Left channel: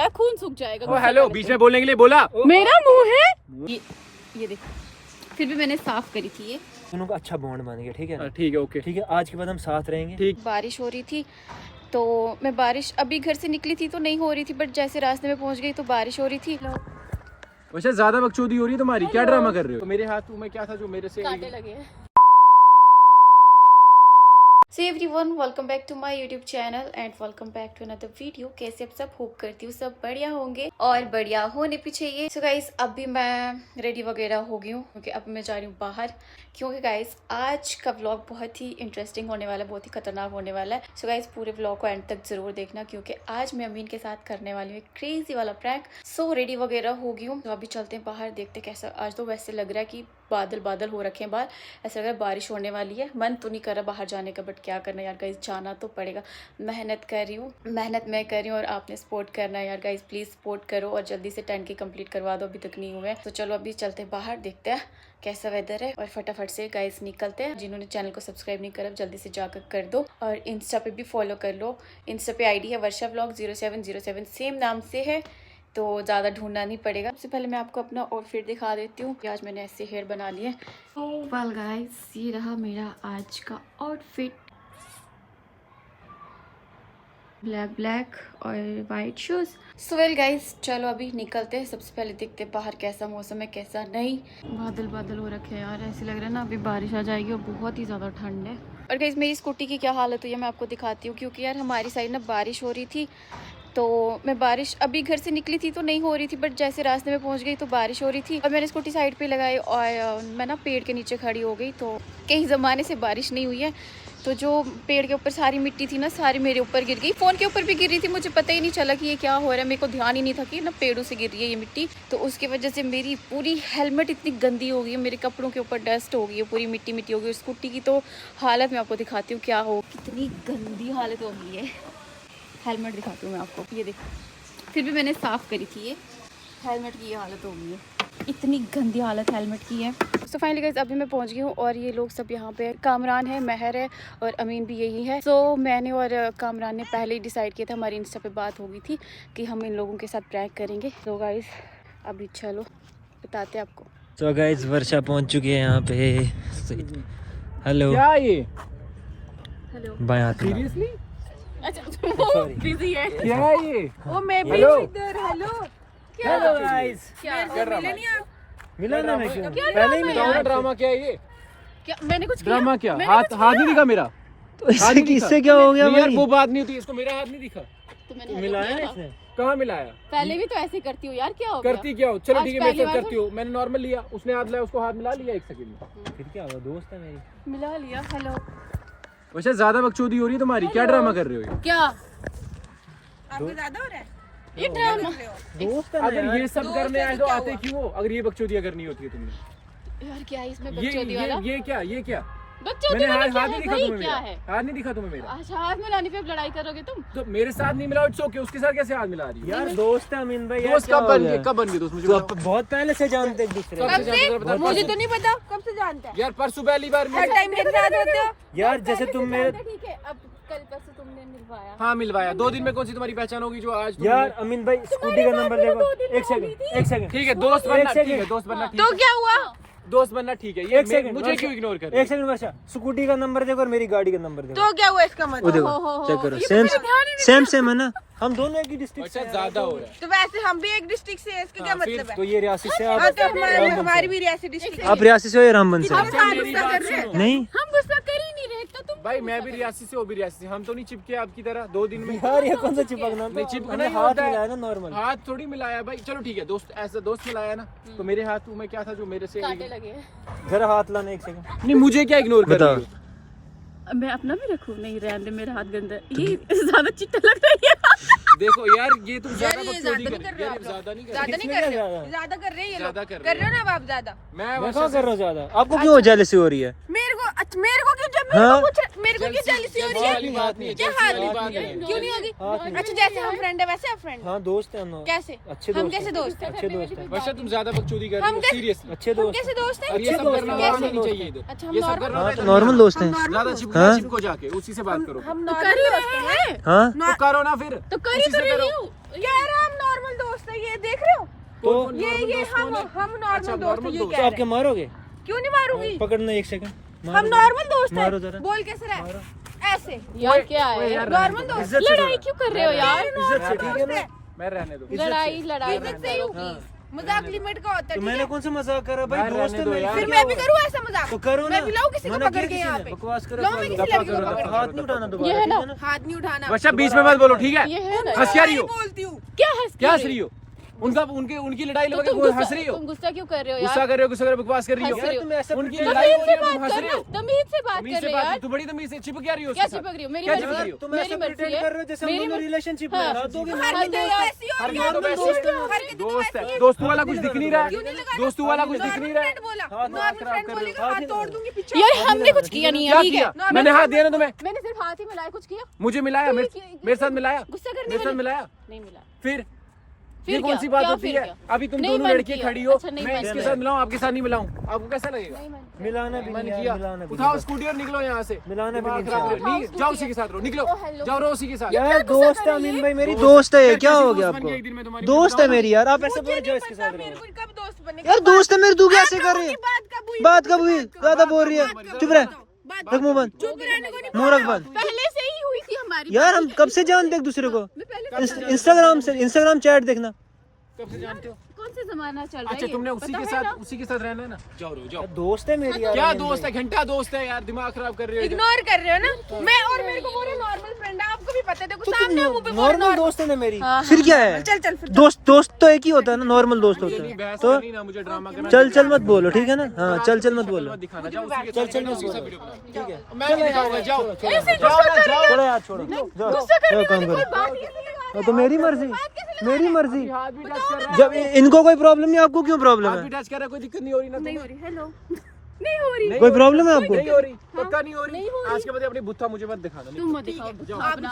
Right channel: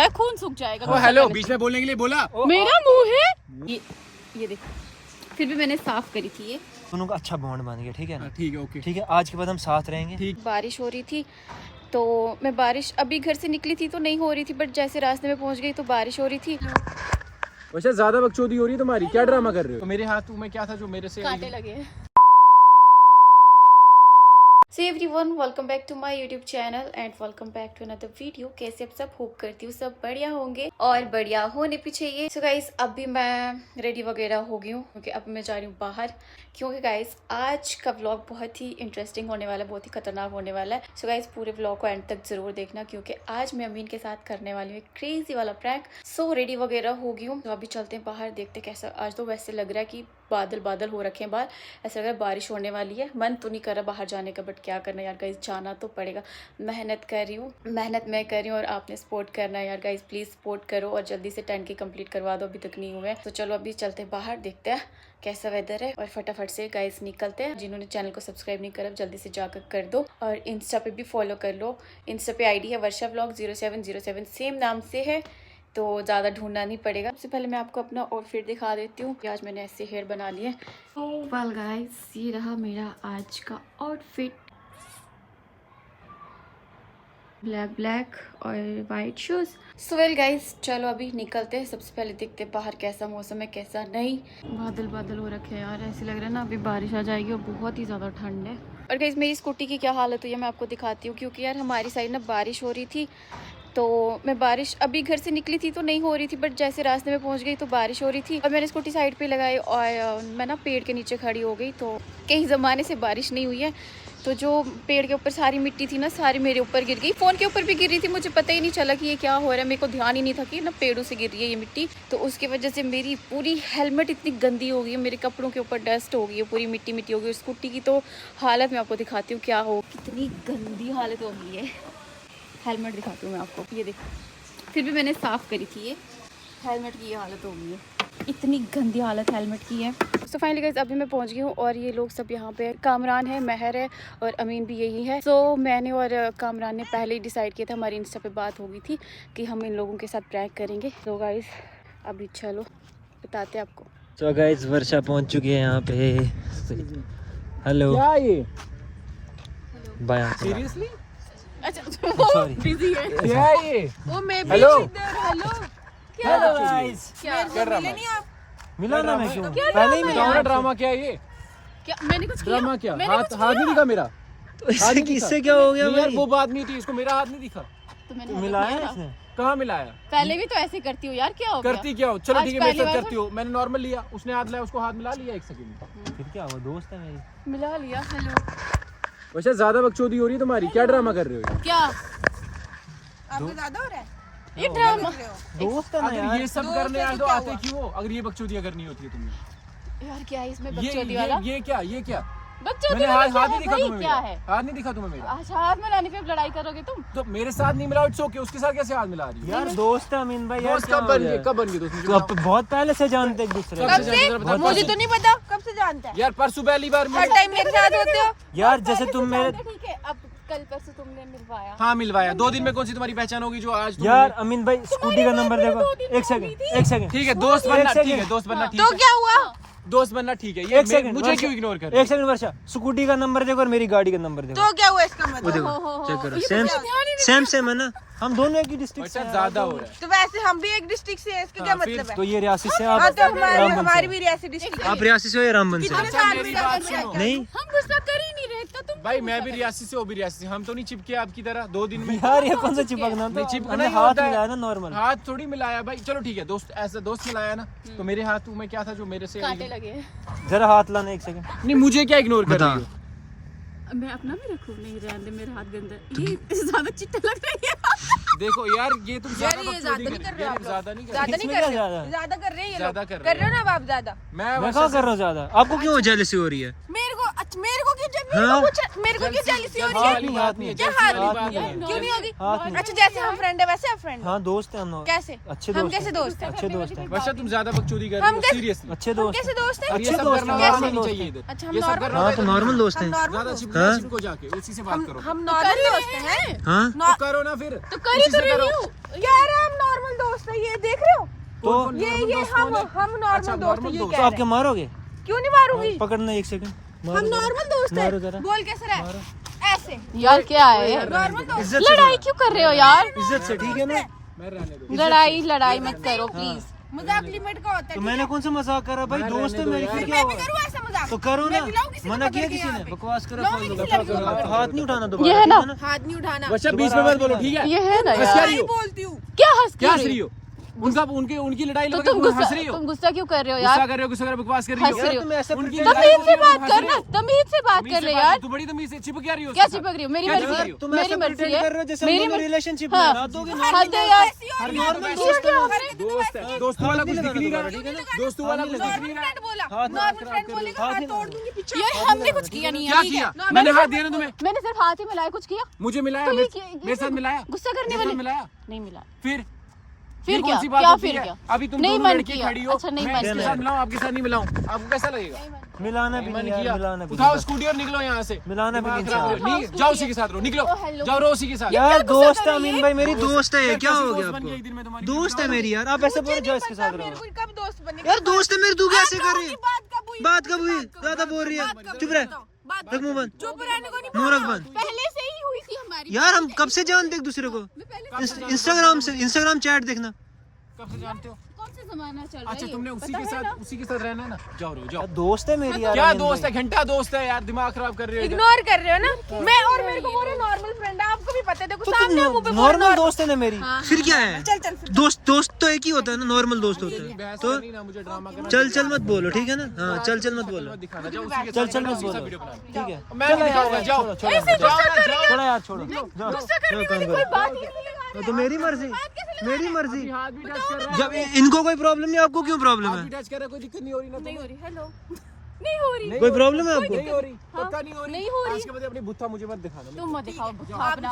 है, खून सूख जाएगा। हेलो, बीच में बोलने के लिए बोला। मेरा मुंह है ये देखो, फिर भी मैंने साफ करी थी ये। दोनों का अच्छा बॉन्ड बन गया। ठीक है, ठीक है, ओके, ठीक है। आज के बाद हम साथ रहेंगे। ठीक। बारिश हो रही थी तो मैं बारिश अभी घर से निकली थी तो नहीं हो रही थी, बट जैसे रास्ते में पहुंच गई तो बारिश हो रही थी। वैसे ज्यादा बकचोदी हो रही तुम्हारी, क्या ड्रामा कर रहे हो? तो मेरे हाथ में क्या था जो मेरे से कांटे लगे। So everyone, welcome back to my YouTube channel and welcome back to another video। कैसे आप सब? होप करती हूँ सब बढ़िया होंगे और बढ़िया होने भी चाहिए। So guys, अभी मैं रेडी वगैरह हो गई हूँ क्योंकि अब मैं जा रही हूँ बाहर, क्योंकि गाइस आज का व्लॉग बहुत ही इंटरेस्टिंग होने वाला है, बहुत ही खतरनाक होने वाला है। सो गाइस पूरे व्लॉग को एंड तक जरूर देखना क्योंकि आज मैं अमीन के साथ करने वाली हूँ एक क्रेजी वाला प्रैंक। सो रेडी वगैरह हो गई हूँ तो अभी चलते हैं बाहर, देखते कैसा। आज तो वैसे लग रहा है कि बादल बादल हो रखे हैं बाहर, ऐसा लग रहा है बारिश होने वाली है। मन तो नहीं कर रहा बाहर जाने का, बट क्या करना यार गाइस, जाना तो पड़ेगा। मेहनत कर रही हूँ, मेहनत मैं कर रही हूँ और आपने सपोर्ट करना है यार गाइस, प्लीज़ सपोर्ट करो और जल्दी से 10K कंप्लीट करवा दो, अभी तक नहीं हुए। तो चलो अभी चलते हैं बाहर, देखते हैं कैसा वेदर है और फटाफट से गाइस निकलते हैं। जिन्होंने चैनल को सब्सक्राइब नहीं करा जल्दी से जाकर कर दो और इंस्टा पे भी फॉलो कर लो। इंस्टा पे आईडी है वर्षा व्लॉग 0707, सेम नाम से है, तो ज़्यादा ढूंढना नहीं पड़ेगा। सबसे पहले मैं आपको अपना आउटफिट दिखा देती हूँ। आज मैंने ऐसे हेयर बना लिए। वेल गाइस, ये रहा मेरा आज का आउटफिट, ब्लैक और white shoes. So well guys, चलो अभी निकलते हैं। सबसे पहले देखते हैं बाहर कैसा मौसम है कैसा नहीं। बादल बादल हो रखे हैं यार, ऐसे लग रहा है ना अभी बारिश आ जाएगी और बहुत ही ज़्यादा ठंड है। और गाइस मेरी स्कूटी की क्या हालत हुई है मैं आपको दिखाती हूँ, क्योंकि यार हमारी साइड ना बारिश हो रही थी तो मैं बारिश अभी घर से निकली थी तो नहीं हो रही थी, बट जैसे रास्ते में पहुंच गई तो बारिश हो रही थी और मैंने स्कूटी साइड पे लगाई और मैं ना पेड़ के नीचे खड़ी हो गई। तो कई ज़माने से बारिश नहीं हुई है तो जो पेड़ के ऊपर सारी मिट्टी थी ना सारी मेरे ऊपर गिर गई। फ़ोन के ऊपर भी गिर रही थी, मुझे पता ही नहीं चला कि ये क्या हो रहा है, मेरे को ध्यान ही नहीं था कि ना पेड़ों से गिर रही है ये मिट्टी। तो उसकी वजह से मेरी पूरी हेलमेट इतनी गंदी हो गई है, मेरे कपड़ों के ऊपर डस्ट हो गई है, पूरी मिट्टी मिट्टी हो गई। स्कूटी की तो हालत मैं आपको दिखाती हूँ क्या हो, कितनी गंदी हालत हो गई है। हेलमेट दिखाती हूँ मैं आपको, ये देखो, फिर भी मैंने साफ़ करी थी ये। हेलमेट की ये हालत हो गई है, इतनी गंदी हालत हेलमेट की है। सो फाइनली गाइस अभी मैं पहुंच गई हूँ और ये लोग सब यहाँ पे, कामरान है, महर है और अमीन भी यही है। सो मैंने और कामरान ने पहले ही डिसाइड किया था, हमारी इंस्टा पे बात हो गई थी कि हम इन लोगों के साथ प्रैंक करेंगे। तो गाइस अभी चलो बताते हैं आपको। तो गाइस वर्षा पहुंच चुके हैं यहाँ पे। हेलो, क्या ये? बाय। सीरियसली? सॉरी, बिजी है क्या ये? वो मैं भी हेलो इधर। हेलो हेलो गाइस, मिला ना मैं क्यों पहले ही मिला। क्या ड्रामा क्या है ये? क्या मैंने कुछ किया? ड्रामा क्या? मैंने हाथ कुछ हाथ नहीं दिखा मेरा। तो इससे क्या हो गया नहीं यार, भाई? वो बात नहीं थी, इसको मेरा हाथ नहीं दिखा। तो मैंने मिलाया ना इसने। कहाँ मिलाया? पहले भी तो ऐसे करती हूँ यार, क्या हो गया? करती क्या हो? चलो आज ठीक है, मेरे पहली साथ बार करती हो। मैंने नॉर्मल लिया, उसने हाथ लिया, उसको हाथ मिला लिया 1 सेकंड में। फिर क्या हुआ, दोस्त है मेरी। मिला लिया। हेलो वैसे ज्यादा बकचोदी हो रही तुम्हारी, क्या ड्रामा कर रहे हो? क्या आपको ज्यादा हो रहा है? ये ड्रामा दोस्त है ना अगर यार। ये सब करने आए तो आते क्यों हो? अगर ये बकचोदियां करनी होती है तुमने? यार, क्या है इसमें ये बकचोदी वाला? ये क्या? ये क्या? बकचोदी मैंने वाला हाथ क्या हाथ है नहीं दिखा भाई? तुम्हें क्या मेरा। है? हाथ नहीं दिखा तुम्हें मेरा। अच्छा, हाथ मिलाने पे लड़ाई करोगे तुम? तो मेरे साथ नहीं मिला, इट्स ओके। उसके साथ कैसे हाथ मिला रही है? यार दोस्त है अमीन भाई। दोस्त यार कब क्या बन हो गए? गया? कब बन गए दोस्त? तो अब बहुत पहले से जानते एक दूसरे कब को। से जानते हो? बहुत मुझे पहले। तो नहीं पता, कब से जानते हैं? यार परसों पहली बार हर टाइम मेरे साथ होते हो। यार जैसे तुम मेरे, ठीक है, अब कल परसों तुमने मिलवाया। हाँ मिलवाया। 2 दिन में कौन सी तुम्हारी पहचान होगी जो आज यार अमीन भाई स्कूटी का नंबर देखो। एक सेकंड ठीक है, दोस्त एक बनना ठीक सेकंड। है, दोस्त बनना ठीक तो है, क्या हुआ? दोस्त बनना ठीक है। ये एक सेकंड मुझे क्यों इग्नोर कर रहे एक हो? सेकंड वर्षा, स्कूटी का नंबर देखो और मेरी गाड़ी का नंबर देखो। तो क्या हुआ इसका वो मतलब? देखो चेक करो, सेम है ना। हम दोनों एक ही डिस्ट्रिक्ट से अच्छा हैं। ज्यादा हो रहा है। तो वैसे हम भी एक डिस्ट्रिक्ट से हैं, इसका क्या मतलब है? तो ये रियासी से, आप हाँ, तो रामबन हमारी से। भी रियासी डिस्ट्रिक्ट। आप रियासी से हो या रामबन से? कितने साल गुस्सा कर रहे हैं? नहीं हम गुस्सा कर ही नहीं रहे, तो तुम भाई मैं भी रियासी से, वो भी रियासी से। हम तो नहीं चिपके आपकी तरह 2 दिन में। यार ये कौन सा चिपकना नहीं, था? चिपकना हमने ही हाथ होता है। मिलाया ना नॉर्मल। हाथ थोड़ी मिलाया भाई। चलो ठीक है, दोस्त ऐसा दोस्त मिलाया ना, तो मेरे हाथ में क्या था जो मेरे से? कांटे लगे। जरा हाथ लाना एक सेकंड। नहीं, मुझे क्या इग्नोर कर बताओ। रही हो? मैं अपना भी रखूं? नहीं, रहने दे, मेरा हाथ गंदा है। ये ज्यादा चिट्टा लग रही है। देखो यार, ये तुम ज्यादा यार, ये बकचोदी ज्यादा कर तो कर रहे रहे हो। हो। ज्यादा नहीं कर ज्यादा रहे। नहीं इसमें कर क्या रहे, ज्यादा है? ज्यादा कर रहे हैं ये लोग। ज्यादा कर कर रहे रहे हो ना अब आप ज्यादा? मैं कहाँ कर रहा हूँ ज्यादा? आपको क्यों जेलसी हो रही है? मेरे को क्यों जब हाँ? मेरे को क्यों जेलसी हो रही हाथ है? नहीं, हाथ नहीं, क्या जैसी हाथ वाली नहीं? बात है। क्यों नहीं होगी? हाथ नहीं। अच्छा, जैसे हम फ्रेंड है वैसे आप फ्रेंड? हाँ दोस्त है हम लोग। कैसे? अच्छे हम दोस्त कैसे हैं। दोस्त हैं? अच्छे दोस्त हैं। वैसे तुम ज्यादा बकचोदी कर रहे हम हो, कैसे- सीरियसली। अच्छे दोस्त कैसे हैं। दोस्त हैं? और ये अच्छे सब दोस्त करना हैं, नॉर्मल नॉर्मल नहीं दोस्त चाहिए हैं। इधर। अच्छा, हम ये सब नॉर्मल करना हाँ तो नॉर्मल दोस्त हैं। ज्यादा चिपको हाँ? चिपको जाके इसी से बात करो। हम कर नॉर्मल ही दोस्त रहे हैं। हैं। हाँ तो करो ना फिर। तो कर ही इसी तो से रही करो। हूँ। यार हम नॉर्मल दोस्त है ये, देख रहे हो? तो ये हम अच्छा, नॉर्मल दोस्त normal है, ये दोस्त। तो कह आप रहे क्या मारोगे? क्यों नहीं मारूंगी? पकड़ना एक सेकंड, हम मारो नॉर्मल दोस्त मारो है। जरा। बोल कैसे रहे? ऐसे यार क्या है, नॉर्मल दोस्त। इज्जत से लड़ाई क्यों कर रहे हो यार? इज्जत से, ठीक है ना? मैं रहने दो। लड़ाई मत करो प्लीज। मजाक लिमिट का होता है, तो ठीक मैंने है? कौन सा मजाक करा भाई, दोस्त है मेरी। फिर मैं भी करूँ ऐसा मजाक? तो करो ना, मैं भी लाऊं किसी को मना पकड़ किया के किसी यहाँ ने? पे? बकवास करो, लाऊं मैं किसी लड़की को पकड़ के? हाथ नहीं उठाना दोबारा, ये है ठीक ना? हाथ नहीं उठाना। वर्षा बीच में मत बोलो, ठीक है? ये है ना हंस क्या यार? रही हो? बोलती हूँ। क्या हंस क्या हंस रही हो? उनकी लड़ाई तो लगे तुम हंस रही हो? तुम गुस्सा क्यों कर रहे हो गुस्सा यार? कर रहे हो, गुस्सा कर रहे हो, बकवास कर रही हंस रही हो। हो। तुम ऐसे उनकी pretend लड़ाई तमीज हो से रही है, तुम बात हंस रही करना, हो। तमीज से बात तमीज कर से ले बात- यार। तू बड़ी तमीज से चिपक क्या रही हो? क्या उसके साथ? चिपक रही हो? मेरी क्या मर्जी चिपक है, रही हो? तुम मेरी ऐसे मर्जी pretend है, कर रहे हो जैसे मेरी हम दोनों मर्जी। रिलेशनशिप में हाँ। हाथ दोगे हाँ, ना। तो यार हर नॉर्मल तो वैसे दोस्त है। दोस्त है, दोस्त वाला कुछ दिख नहीं रहा है, दोस्तों वाला कुछ दिख नहीं रहा है। बोला हाथ नॉर्मल फ्रेंड बोलेगा हाथ तोड़ दूंगी पीछे। यार हमने कुछ किया नहीं है, क्या ठीक है? किया? मैंने हाथ दिया ना तुम्हें, मैंने सिर्फ हाथ ही मिलाया, कुछ किया? मुझे मिलाया, तो ये मेरे क्या- मेरे साथ मिलाया, गुस्सा करने मेरे साथ वाली? मिलाया। नहीं मिला। फिर फिर ये कौन क्या? सी बात क्या होती फिर है? क्या? अभी तुम नहीं दोनों मन लड़के किया। खड़ी हो, अच्छा, नहीं मैं मन इसके किया। साथ मिलाऊं, आपके साथ नहीं मिलाऊं, आपको कैसा लगेगा? मिलाना भी मन नहीं किया। यार, मिलाना भी उठाओ नहीं। स्कूटी और निकलो यहाँ से। मिलाना भी दिमाग नहीं खराब चाहिए। करो। नहीं, जाओ उसी के साथ रहो, निकलो, जाओ रहो उसी के साथ। यार दोस्त है अमीन भाई, मेरी दोस्त है, क्या हो गया दोस्त बन गई एक दिन में आपको? तुम्हारी, दोस्त बताओ है ना। मेरी यार, आप ऐसे बोले जो इसके साथ रहो। कब दोस्त बने? यार दोस्त है मेरी, तू कैसे कर रही है? बात कब हुई? कब? ज्यादा बोल रही है, चुप रह, बात रख मुंह बंद, चुप रहने को नहीं मुंह रख बंद। पहले से ही हुई थी हमारी। यार हम कब से जानते एक दूसरे को? इंस्टाग्राम चैट देखना। कब से जानते हो? कौन से जमाना चल रहा है? अच्छा, तुमने उसी के साथ रहना ना, जाओ रहो, जाओ। दोस्त है मेरी यार, क्या अमीन दोस्त भाई। है? घंटा दोस्त है यार, दिमाग खराब कर रहे हो। इग्नोर कर रहे हो ना? मैं और मेरे को बोले नॉर्मल फ्रेंड है, आपको भी पता है, देखो तो सामने मुंह पे नॉर्मल दोस्त है ना मेरी, फिर क्या है? चल फिर दोस्त तो एक ही होता है ना, नॉर्मल दोस्त होता है। बहस तो करनी ना, मुझे ड्रामा करना चल मत बोलो, ठीक है ना? हाँ चल मत बोलो, दिखाना, जाओ उसी के चल साथ मत उसी के साथ बोलो, वीडियो बनाओ। ठीक है? मैं नहीं दिखाऊंगा, जाओ छोड़ो जाओ यार, छोड़ो, जाओ काम करो। हाँ, तो मेरी मर्जी। हाथ भी टच कर रहा है, जब इनको कोई प्रॉब्लम नहीं, आपको क्यों प्रॉब्लम हाथ भी है? टच कर रहा है, कोई दिक्कत नहीं हो रही ना? नहीं हो रही। हेलो। नहीं हो रही। कोई प्रॉब्लम है आपको? नहीं हो रही, पक्का नहीं हो रही। आज के बाद अपनी बुत्था मुझे मत दिखाना। तुम मत दिखाओ बुत्था अपना।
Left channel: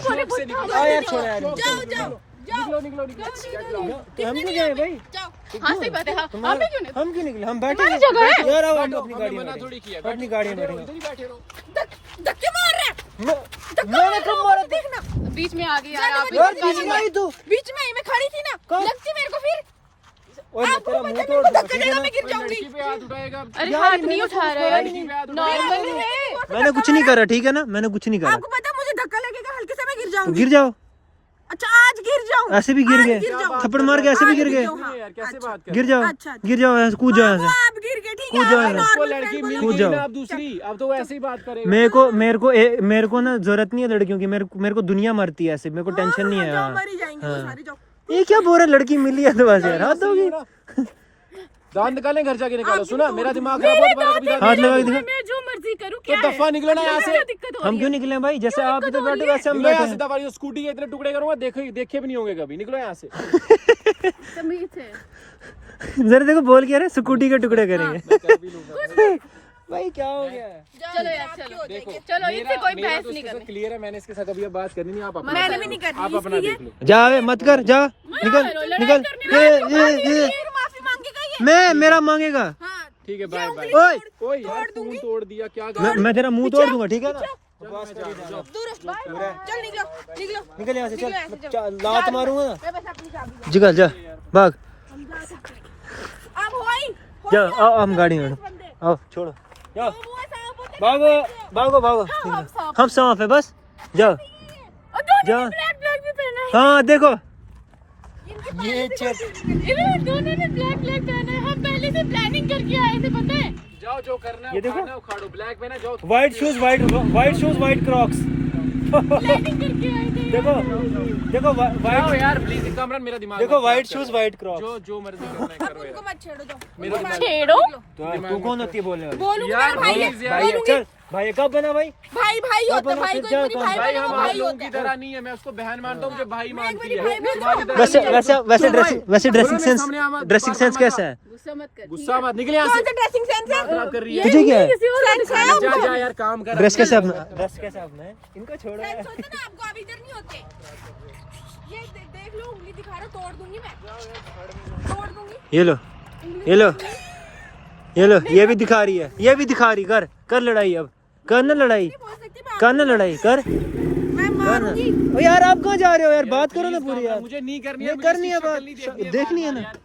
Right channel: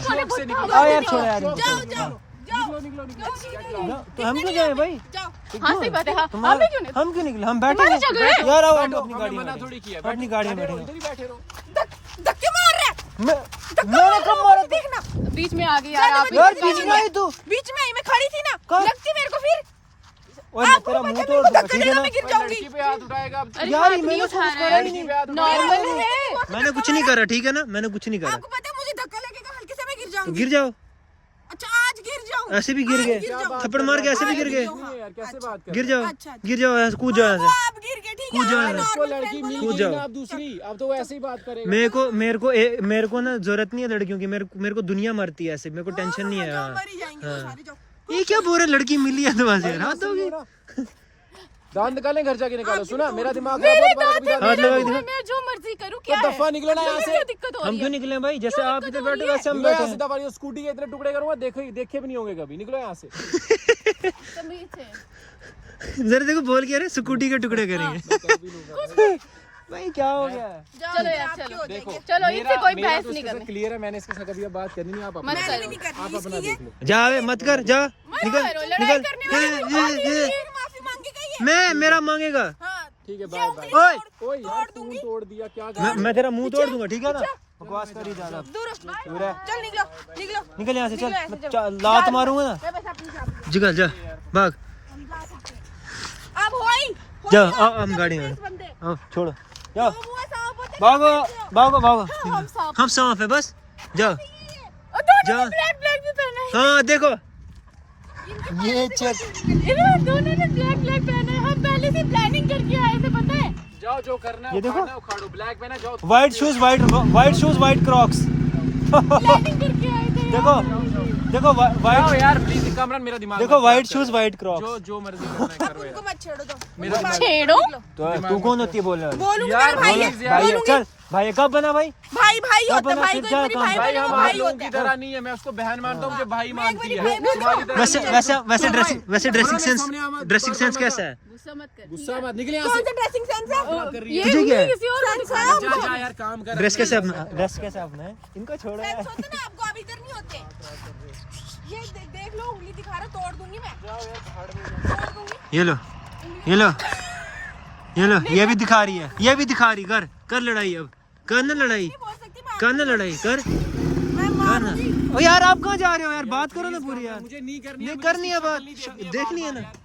चौक से निकलो, हाँ यार छोड़ो यार, निकलो। तो हम क्यों जाए भाई? हाँ सही बात है, हाँ। तुम्हारा हम क्यों निकले? हम बैठे हैं यार, आओ हम अपनी गाड़ी में मना थोड़ी किया, अपनी गाड़ी में बैठे। उधर ही बैठे रहो। धक्के मार रहे हैं। मैंने कब मारा? देखना बीच में आ गई यार आप। यार बीच में आई तू। बीच में आई, मैं खड़ी थी ना, कहाँ? लगती मेरे को फिर ओए मैं तेरा मुंह तोड़ दूंगा, ठीक है ना? मैं गिर जाऊंगी। लड़की पे हाथ उठाएगा, यार नहीं मैंने उठा रहा यार, लड़की पे हाथ नॉर्मल। मैंने कुछ नहीं करा, ठीक है ना? मैंने कुछ नहीं करा। आपको पता है मुझे धक्का लगेगा, हल्के से मैं गिर जाऊंगी। गिर जाओ, अच्छा आज गिर जाऊं? ऐसे भी गिर आज गए, गिर जाऊं। थप्पड़ मार के ऐसे भी गिर गए। हाँ, यार कैसे बात कर? गिर जाओ, अच्छा। गिर जाओ, ऐसे कूद जाओ वो यहाँ से। आप गिर गए, ठीक कूद है? जाओ मैं यहाँ। नॉर्मल लड़की फ्रेंड मिल बोलूंगी। कूद गई जाओ। ना, अब दूसरी, अब तो वैसे ही बात करेगा। मेरे को ना जरूरत नहीं है लड़कियों की, मेरे को दुनिया मरती है ऐसे, मेरे को टेंशन नहीं है। जाओ, हाँ। मर ही जाएंगे वो सारी, जाओ। ये क्या बोल रहा है, लड़की मिली है तो बस यार हाथ दोगी। दांत निकालें, घर जाके निकालो। सुना, मेरा दिमाग मेरे खराब दांत है। है, हाथ मेरा लगा के मुंह है, दिखा। मैं जो मर्जी करूँ क्या तो है? दफा निकलो ना यहाँ से। क्या दिक्कत हो हम रही क्यों है? निकले भाई? जैसे आप इधर बैठे वैसे हम निकलो यहाँ बैठे से, दफा स्कूटी के इतने टुकड़े करूंगा, देखे भी नहीं होंगे कभी। निकलो यहाँ से। तमीज से। हैं। जरा देखो बोल क्या रहे, स्कूटी के टुकड़े करेंगे। भाई क्या हो गया? चलो यार, चलो देखो, चलो, इनसे कोई बहस नहीं करनी। क्लियर है, मैंने इसके साथ अभी बात करनी नहीं। आप अपना मैंने भी नहीं करनी, आप अपना इसकी ये देख लो। जा बे, मत कर, जा निकल निकल। ये माफी मांगेगा ये। मैं मेरा मांगेगा। हाँ ठीक है, बाय बाय। ओए कोई यार फोन तोड़ दिया, क्या मैं तेरा मुंह तोड़ दूंगा, ठीक है ना? बकवास करी जाना। दूर चल, निकलो निकलो। निकल यहाँ से, निकलो यहाँ से, चल जाओ। लात मारूंगा ना। मैं बस अपनी जाऊंगी। निकल जा, भाग अब होई जा, आओ हम गाड़ी में बंदे। आओ, छोड़ो जाओ, वो सांप होते भागो भागो भागो। हम सांप है, बस जाओ जा। ब्लैक भी पहना है। हाँ देखो ये चेक, इन्होंने दोनों ने ब्लैक पहना है। हम पहले से प्लानिंग करके आए थे, पता है? जाओ, जो करना है ये देखो। उखाड़ना है, उखाड़ो। ब्लैक मैंने जाओ। White shoes white Crocs. Planning करके आए थे। देखो व्हाइट, यार प्लीज कमरन, मेरा दिमाग देखो मत व्हाइट खराब शूज व्हाइट क्रॉक्स। जो मर्जी करना है करो उनको यार। मत छेड़ो, दो मेरा दिमाग छेड़ो। तो तू कौन होती है बोलने वाली? बोलूंगी यार, ना भाई, please यार। भाई चल, भाई कब बना भाई? भाई भाई कब होता है, बना? भाई फिर को क्या एक बारी काम? भाई भाई बनो, हम भाई आप लोगों होता की है। तरह नहीं है, मैं उसको बहन मानता हूँ, मुझे भाई मानती मेरी है। भाई मेरी तुम्हारी तरह वैसे नहीं है। वैसे वैसे तुम ड्रेसिंग भाई। वैसे बोलो ड्रेसिंग मेरे सेंस सामने आवाज- ड्रेसिंग सेंस मत कैसा है? गुस्सा मत कर। गुस्सा मत, निकले यहाँ से। कौन सा ड्रेसिंग सेंस है? खराब कर रही ये है। ठीक है। किसी और को दिखाना। जा जा यार, काम कर। ड्रेस कैसे अपना है? इनको छोड़ो यार। सोचो ना, आपको अब इधर नहीं होते। ये देख लो, उंगली दिखा रहा, तोड़ दूंगी मैं, तोड़ दूंगी। ये लो ये भी दिखा रही है, ये भी दिखा रही। कर लड़ाई, अब कर ना लड़ाई, बोल सकती मैं, कर ना लड़ाई, कर मैं ओ यार आप कहाँ जा रहे हो यार, बात करो ना पूरी यार। मुझे नहीं करनी ये है, करनी है मुझे बात, शक्ल नहीं देखनी है, देखनी है बार-बार ना। यार।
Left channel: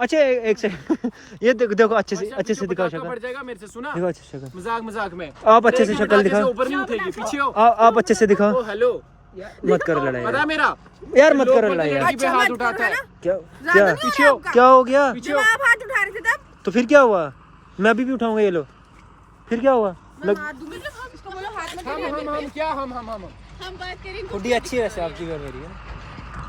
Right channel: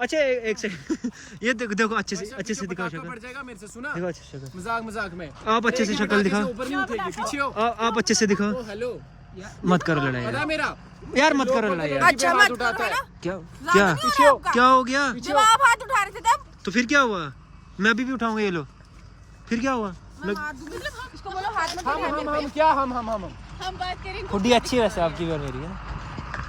अच्छा एक सेकंड ये देखो देखो अच्छे से दिखाओ पटाखा शक्ल, पड़ जाएगा मेरे से, सुना? देखो अच्छे से शक्ल, मजाक मजाक में आप अच्छे से शक्ल दिखाओ, ऊपर नहीं उठेगी, पीछे हो। आप अच्छे से दिखाओ। ओ हेलो, मत करो लड़ाई पता यार, मेरा यार मत करो लड़ाई यार। अच्छा मत करो है ना, क्या ज्यादा नहीं हो रहा आपका। क्या हो गया? जब आप हाथ उठा रहे थे तब तो फिर क्या हुआ? मैं अभी भी उठाऊंगा, ये लो। फिर क्या हुआ? मैं हाथ दूंगी, उसको बोलो हाथ में दे दे। हम क्या हम हम बात करेंगे। खुडी अच्छी है वैसे आपकी और मेरी,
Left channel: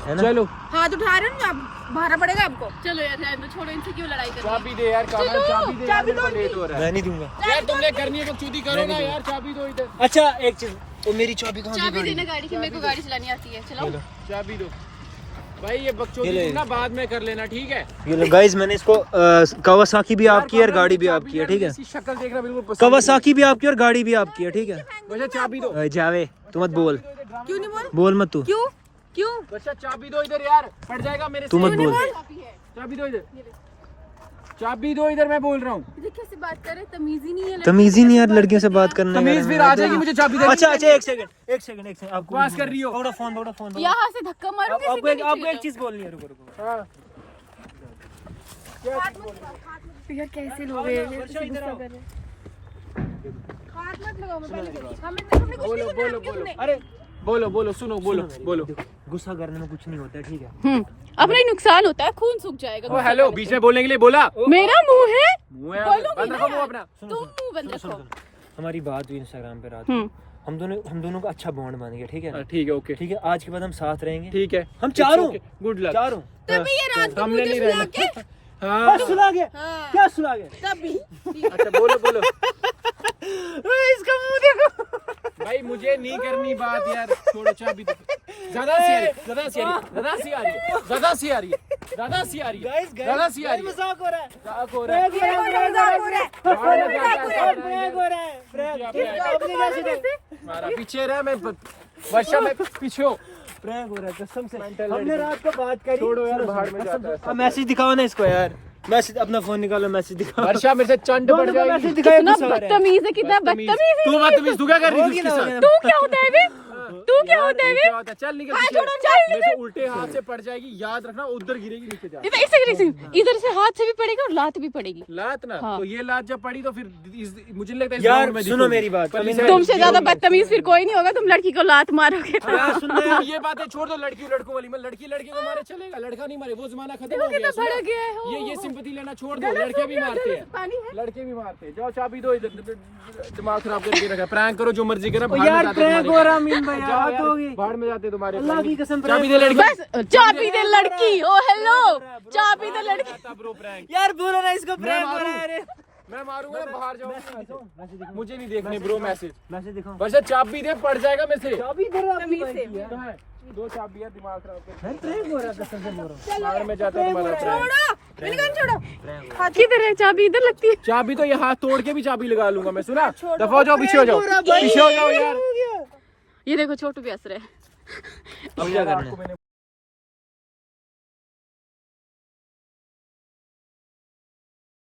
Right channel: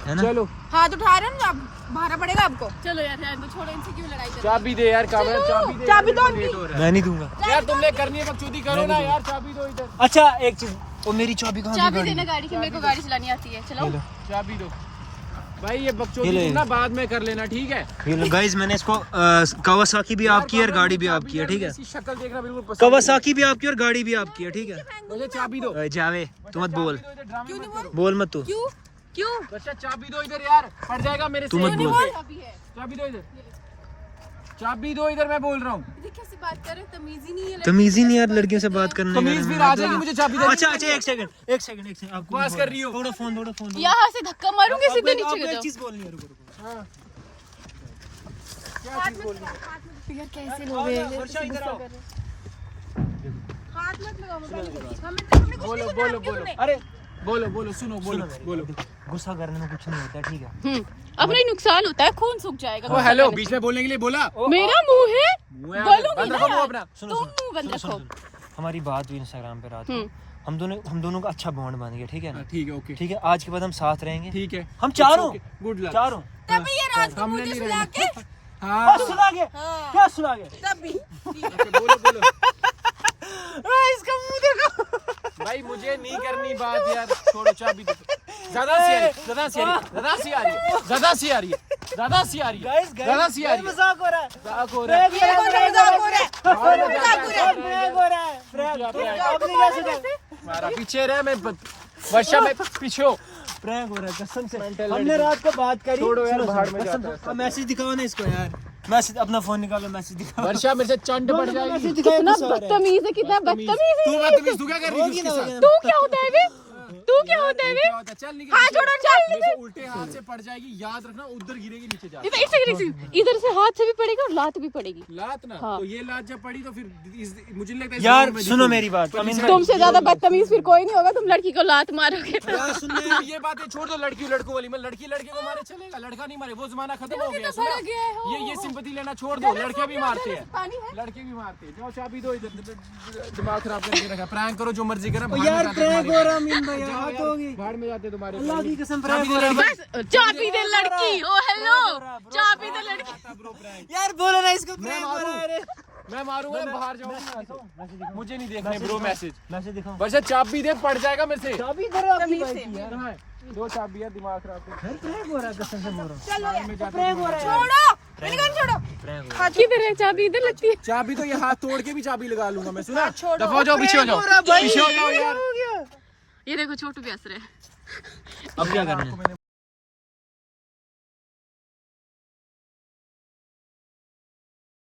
है ना? चलो हाथ उठा रहे हो ना, भारा पड़ेगा आपको। चलो यार रहने दो, छोड़ो, इनसे क्यों लड़ाई कर चाबी दे यार, कामरा चाबी दे, चाबी दो लेट हो रहा मैं नहीं दूंगा। है यार, तुमने करनी है बकचोदी करो ना यार, चाबी दो इधर, अच्छा एक चीज, वो मेरी चाबी कहाँ चाबी गई? देना गाड़ी की, मेरे को गाड़ी चलानी आती है। चलो चाबी दो भाई, ये ये बकचोदी ले। ना बाद में कर लेना, ठीक है? ये लो गाइस, मैंने इसको कावासाकी भी आपकी है और गाड़ी भी आपकी है, ठीक है? इसकी शक्ल देखना बिल्कुल पसंद कावासाकी भी आपकी और गाड़ी भी आपकी है, ठीक है? मुझे चाबी दो, जावे तू मत बोल, क्यों नहीं बोल? बोल मत तू, क्यों क्यों? अच्छा चाबी दो इधर यार, पड़ जाएगा मेरे तू से। मत बोल। चाबी दो इधर, चाबी दो इधर, मैं बोल रहा हूँ। ये कैसे बात कर रहे, तमीज ही नहीं है। तमीज ही नहीं यार लड़कियों से बात करने का। तमीज फिर आ जाएगी, मुझे चाबी दे। अच्छा एक सेकंड आपको पास कर रही हो। फोन यहाँ से धक्का मारूंगी सीधे नीचे आपको गिर एक चीज बोलनी है, रुको रुको। हाँ। जाओ। यार कैसे लोग हैं, ये गुस्सा कर रहे हैं। हाथ मत लगाओ मोबाइल के बीच। हमने कुछ बोलो नहीं बोलो किया, बोलो, नहीं। अरे बोलो बोलो, सुनो बोलो बोलो। गुस्सा करने में कुछ नहीं होता है, ठीक है? अपना ही नुकसान होता है, खून सूख जाएगा। वो हेलो बीच में बोलने के लिए बोला। मेरा मुंह है, बोलूंगी ना यार। अपना तुम मुंह बंद रखो। हमारी बात हुई इंस्टाग्राम पे रात में, हम दोनों का अच्छा बॉन्ड बन गया, ठीक है ना? ठीक है, ओके ठीक है, आज के बाद हम साथ रहेंगे, ठीक है, हम चारों गुड लक। चारों। तभी ये रात को हमने मुझे नहीं सुला रहना। के हाँ सुना गया, हाँ, क्या सुना गया? तभी अच्छा बोलो बोलो। इसका मुंह देखो। भाई मुझे नहीं करनी बात यार, छोड़ो, चाबी दो। ज्यादा सी आ रही है, ज्यादा सी आ रही है, ज्यादा सी आ रही है, ज्यादा सी आ रही है, ज्यादा सी आ रही है, गाइस ज्यादा सी आ रही है। मजाक हो रहा है, मजाक हो रहा है। प्रैंक हो रहा है, मजाक हो रहा है। प्रैंक हो रहा है, प्रैंक। आपने क्या सोचा? हमारा पीछे रहा, मैं वर्षा में पीछे हो। प्रैंक हो रहा है कसम से। Mental हमने लड़की। रात को बात करी। छोड़ो यार, सुनो, बाहर सुनो, में कसम जाता से। अब मैसेज दिखाओ ना इसको यार, मैसेज अपना फोन निकालो, मैसेज दिखाओ। वर्षा मेरे से चंड बढ़ दोनों को मैसेज जाएगी। दिखाया, कितना गुस्सा आ रहा है। बदतमीज है, कितना बदतमीज तू बदतमीज, तू क्या कर रही थी उसके साथ? तू क्या होता है बे? तू क्या होता है? क्या होता है? चल निकल, हाथ जोड़ो, चल, मेरे से उल्टे हाथ से पड़ जाएगी, याद रखना, उधर गिरेगी, नीचे जा। इधर से हाथ से भी पड़ेगा और लात भी पड़ेगी। लात ना, तो ये लात जब पड़ी तो फिर मुझे नहीं लगता इस यार, round में सुनो दिखूंगी। मेरी बात, पर अभी इसे- तुमसे ज्यादा बदतमीज फिर कोई नहीं होगा, तुम लड़की को लात मारोगे। तो ये बातें छोड़ दो, लड़की लड़कों वाली, मैं लड़की लड़के को मारे चलेगा, लड़का नहीं मारे, वो जमाना खत्म हो गया। बड़ा गया है, हो, ये सिंपैथी लेना छोड़ दो, लड़के भी मारते हैं, लड़के भी मारते हैं। जाओ चाबी दो इधर, दिमाग खराब करके रखा, प्रैंक करो जो मर्जी करो, भाड़ में जाते तुम्हारे। जाओ यार, भाड़ में जाते तुम्हारे। अल्लाह की कसम, चाबी दे लड़की। चाबी दे लड़की, ओ हेलो, चाबी दे लड़की। ब्रो प्रैंक यार बोलो ना, इसको प्रैंक हो रहा है रे। मैं मारूंगा, बाहर जाऊंगा यहाँ से। मुझे नहीं देखने ब्रो मैसेज। मैसेज दिखाओ। बस चाबी दे, पड़ जाएगा मेरे से। चाबी दे रहा तमीज से। कहाँ है? दो चाबी है, दिमाग खराब कर। प्रैंक हो रहा है कसम से मेरा। बाहर में जाता हूँ तुम्हारा prank। छोड़ो, निकल छोड़ो। हाथ किधर है? चाबी इधर लगती है। चाबी तो ये हाथ तोड़ के भी चाबी लगा लूंगा मैं, सुना? दफा हो जाओ, पीछे हो जाओ, पीछे हो जाओ यार। ये देखो छोटू भी हंस रहा है। अब क्या करना है?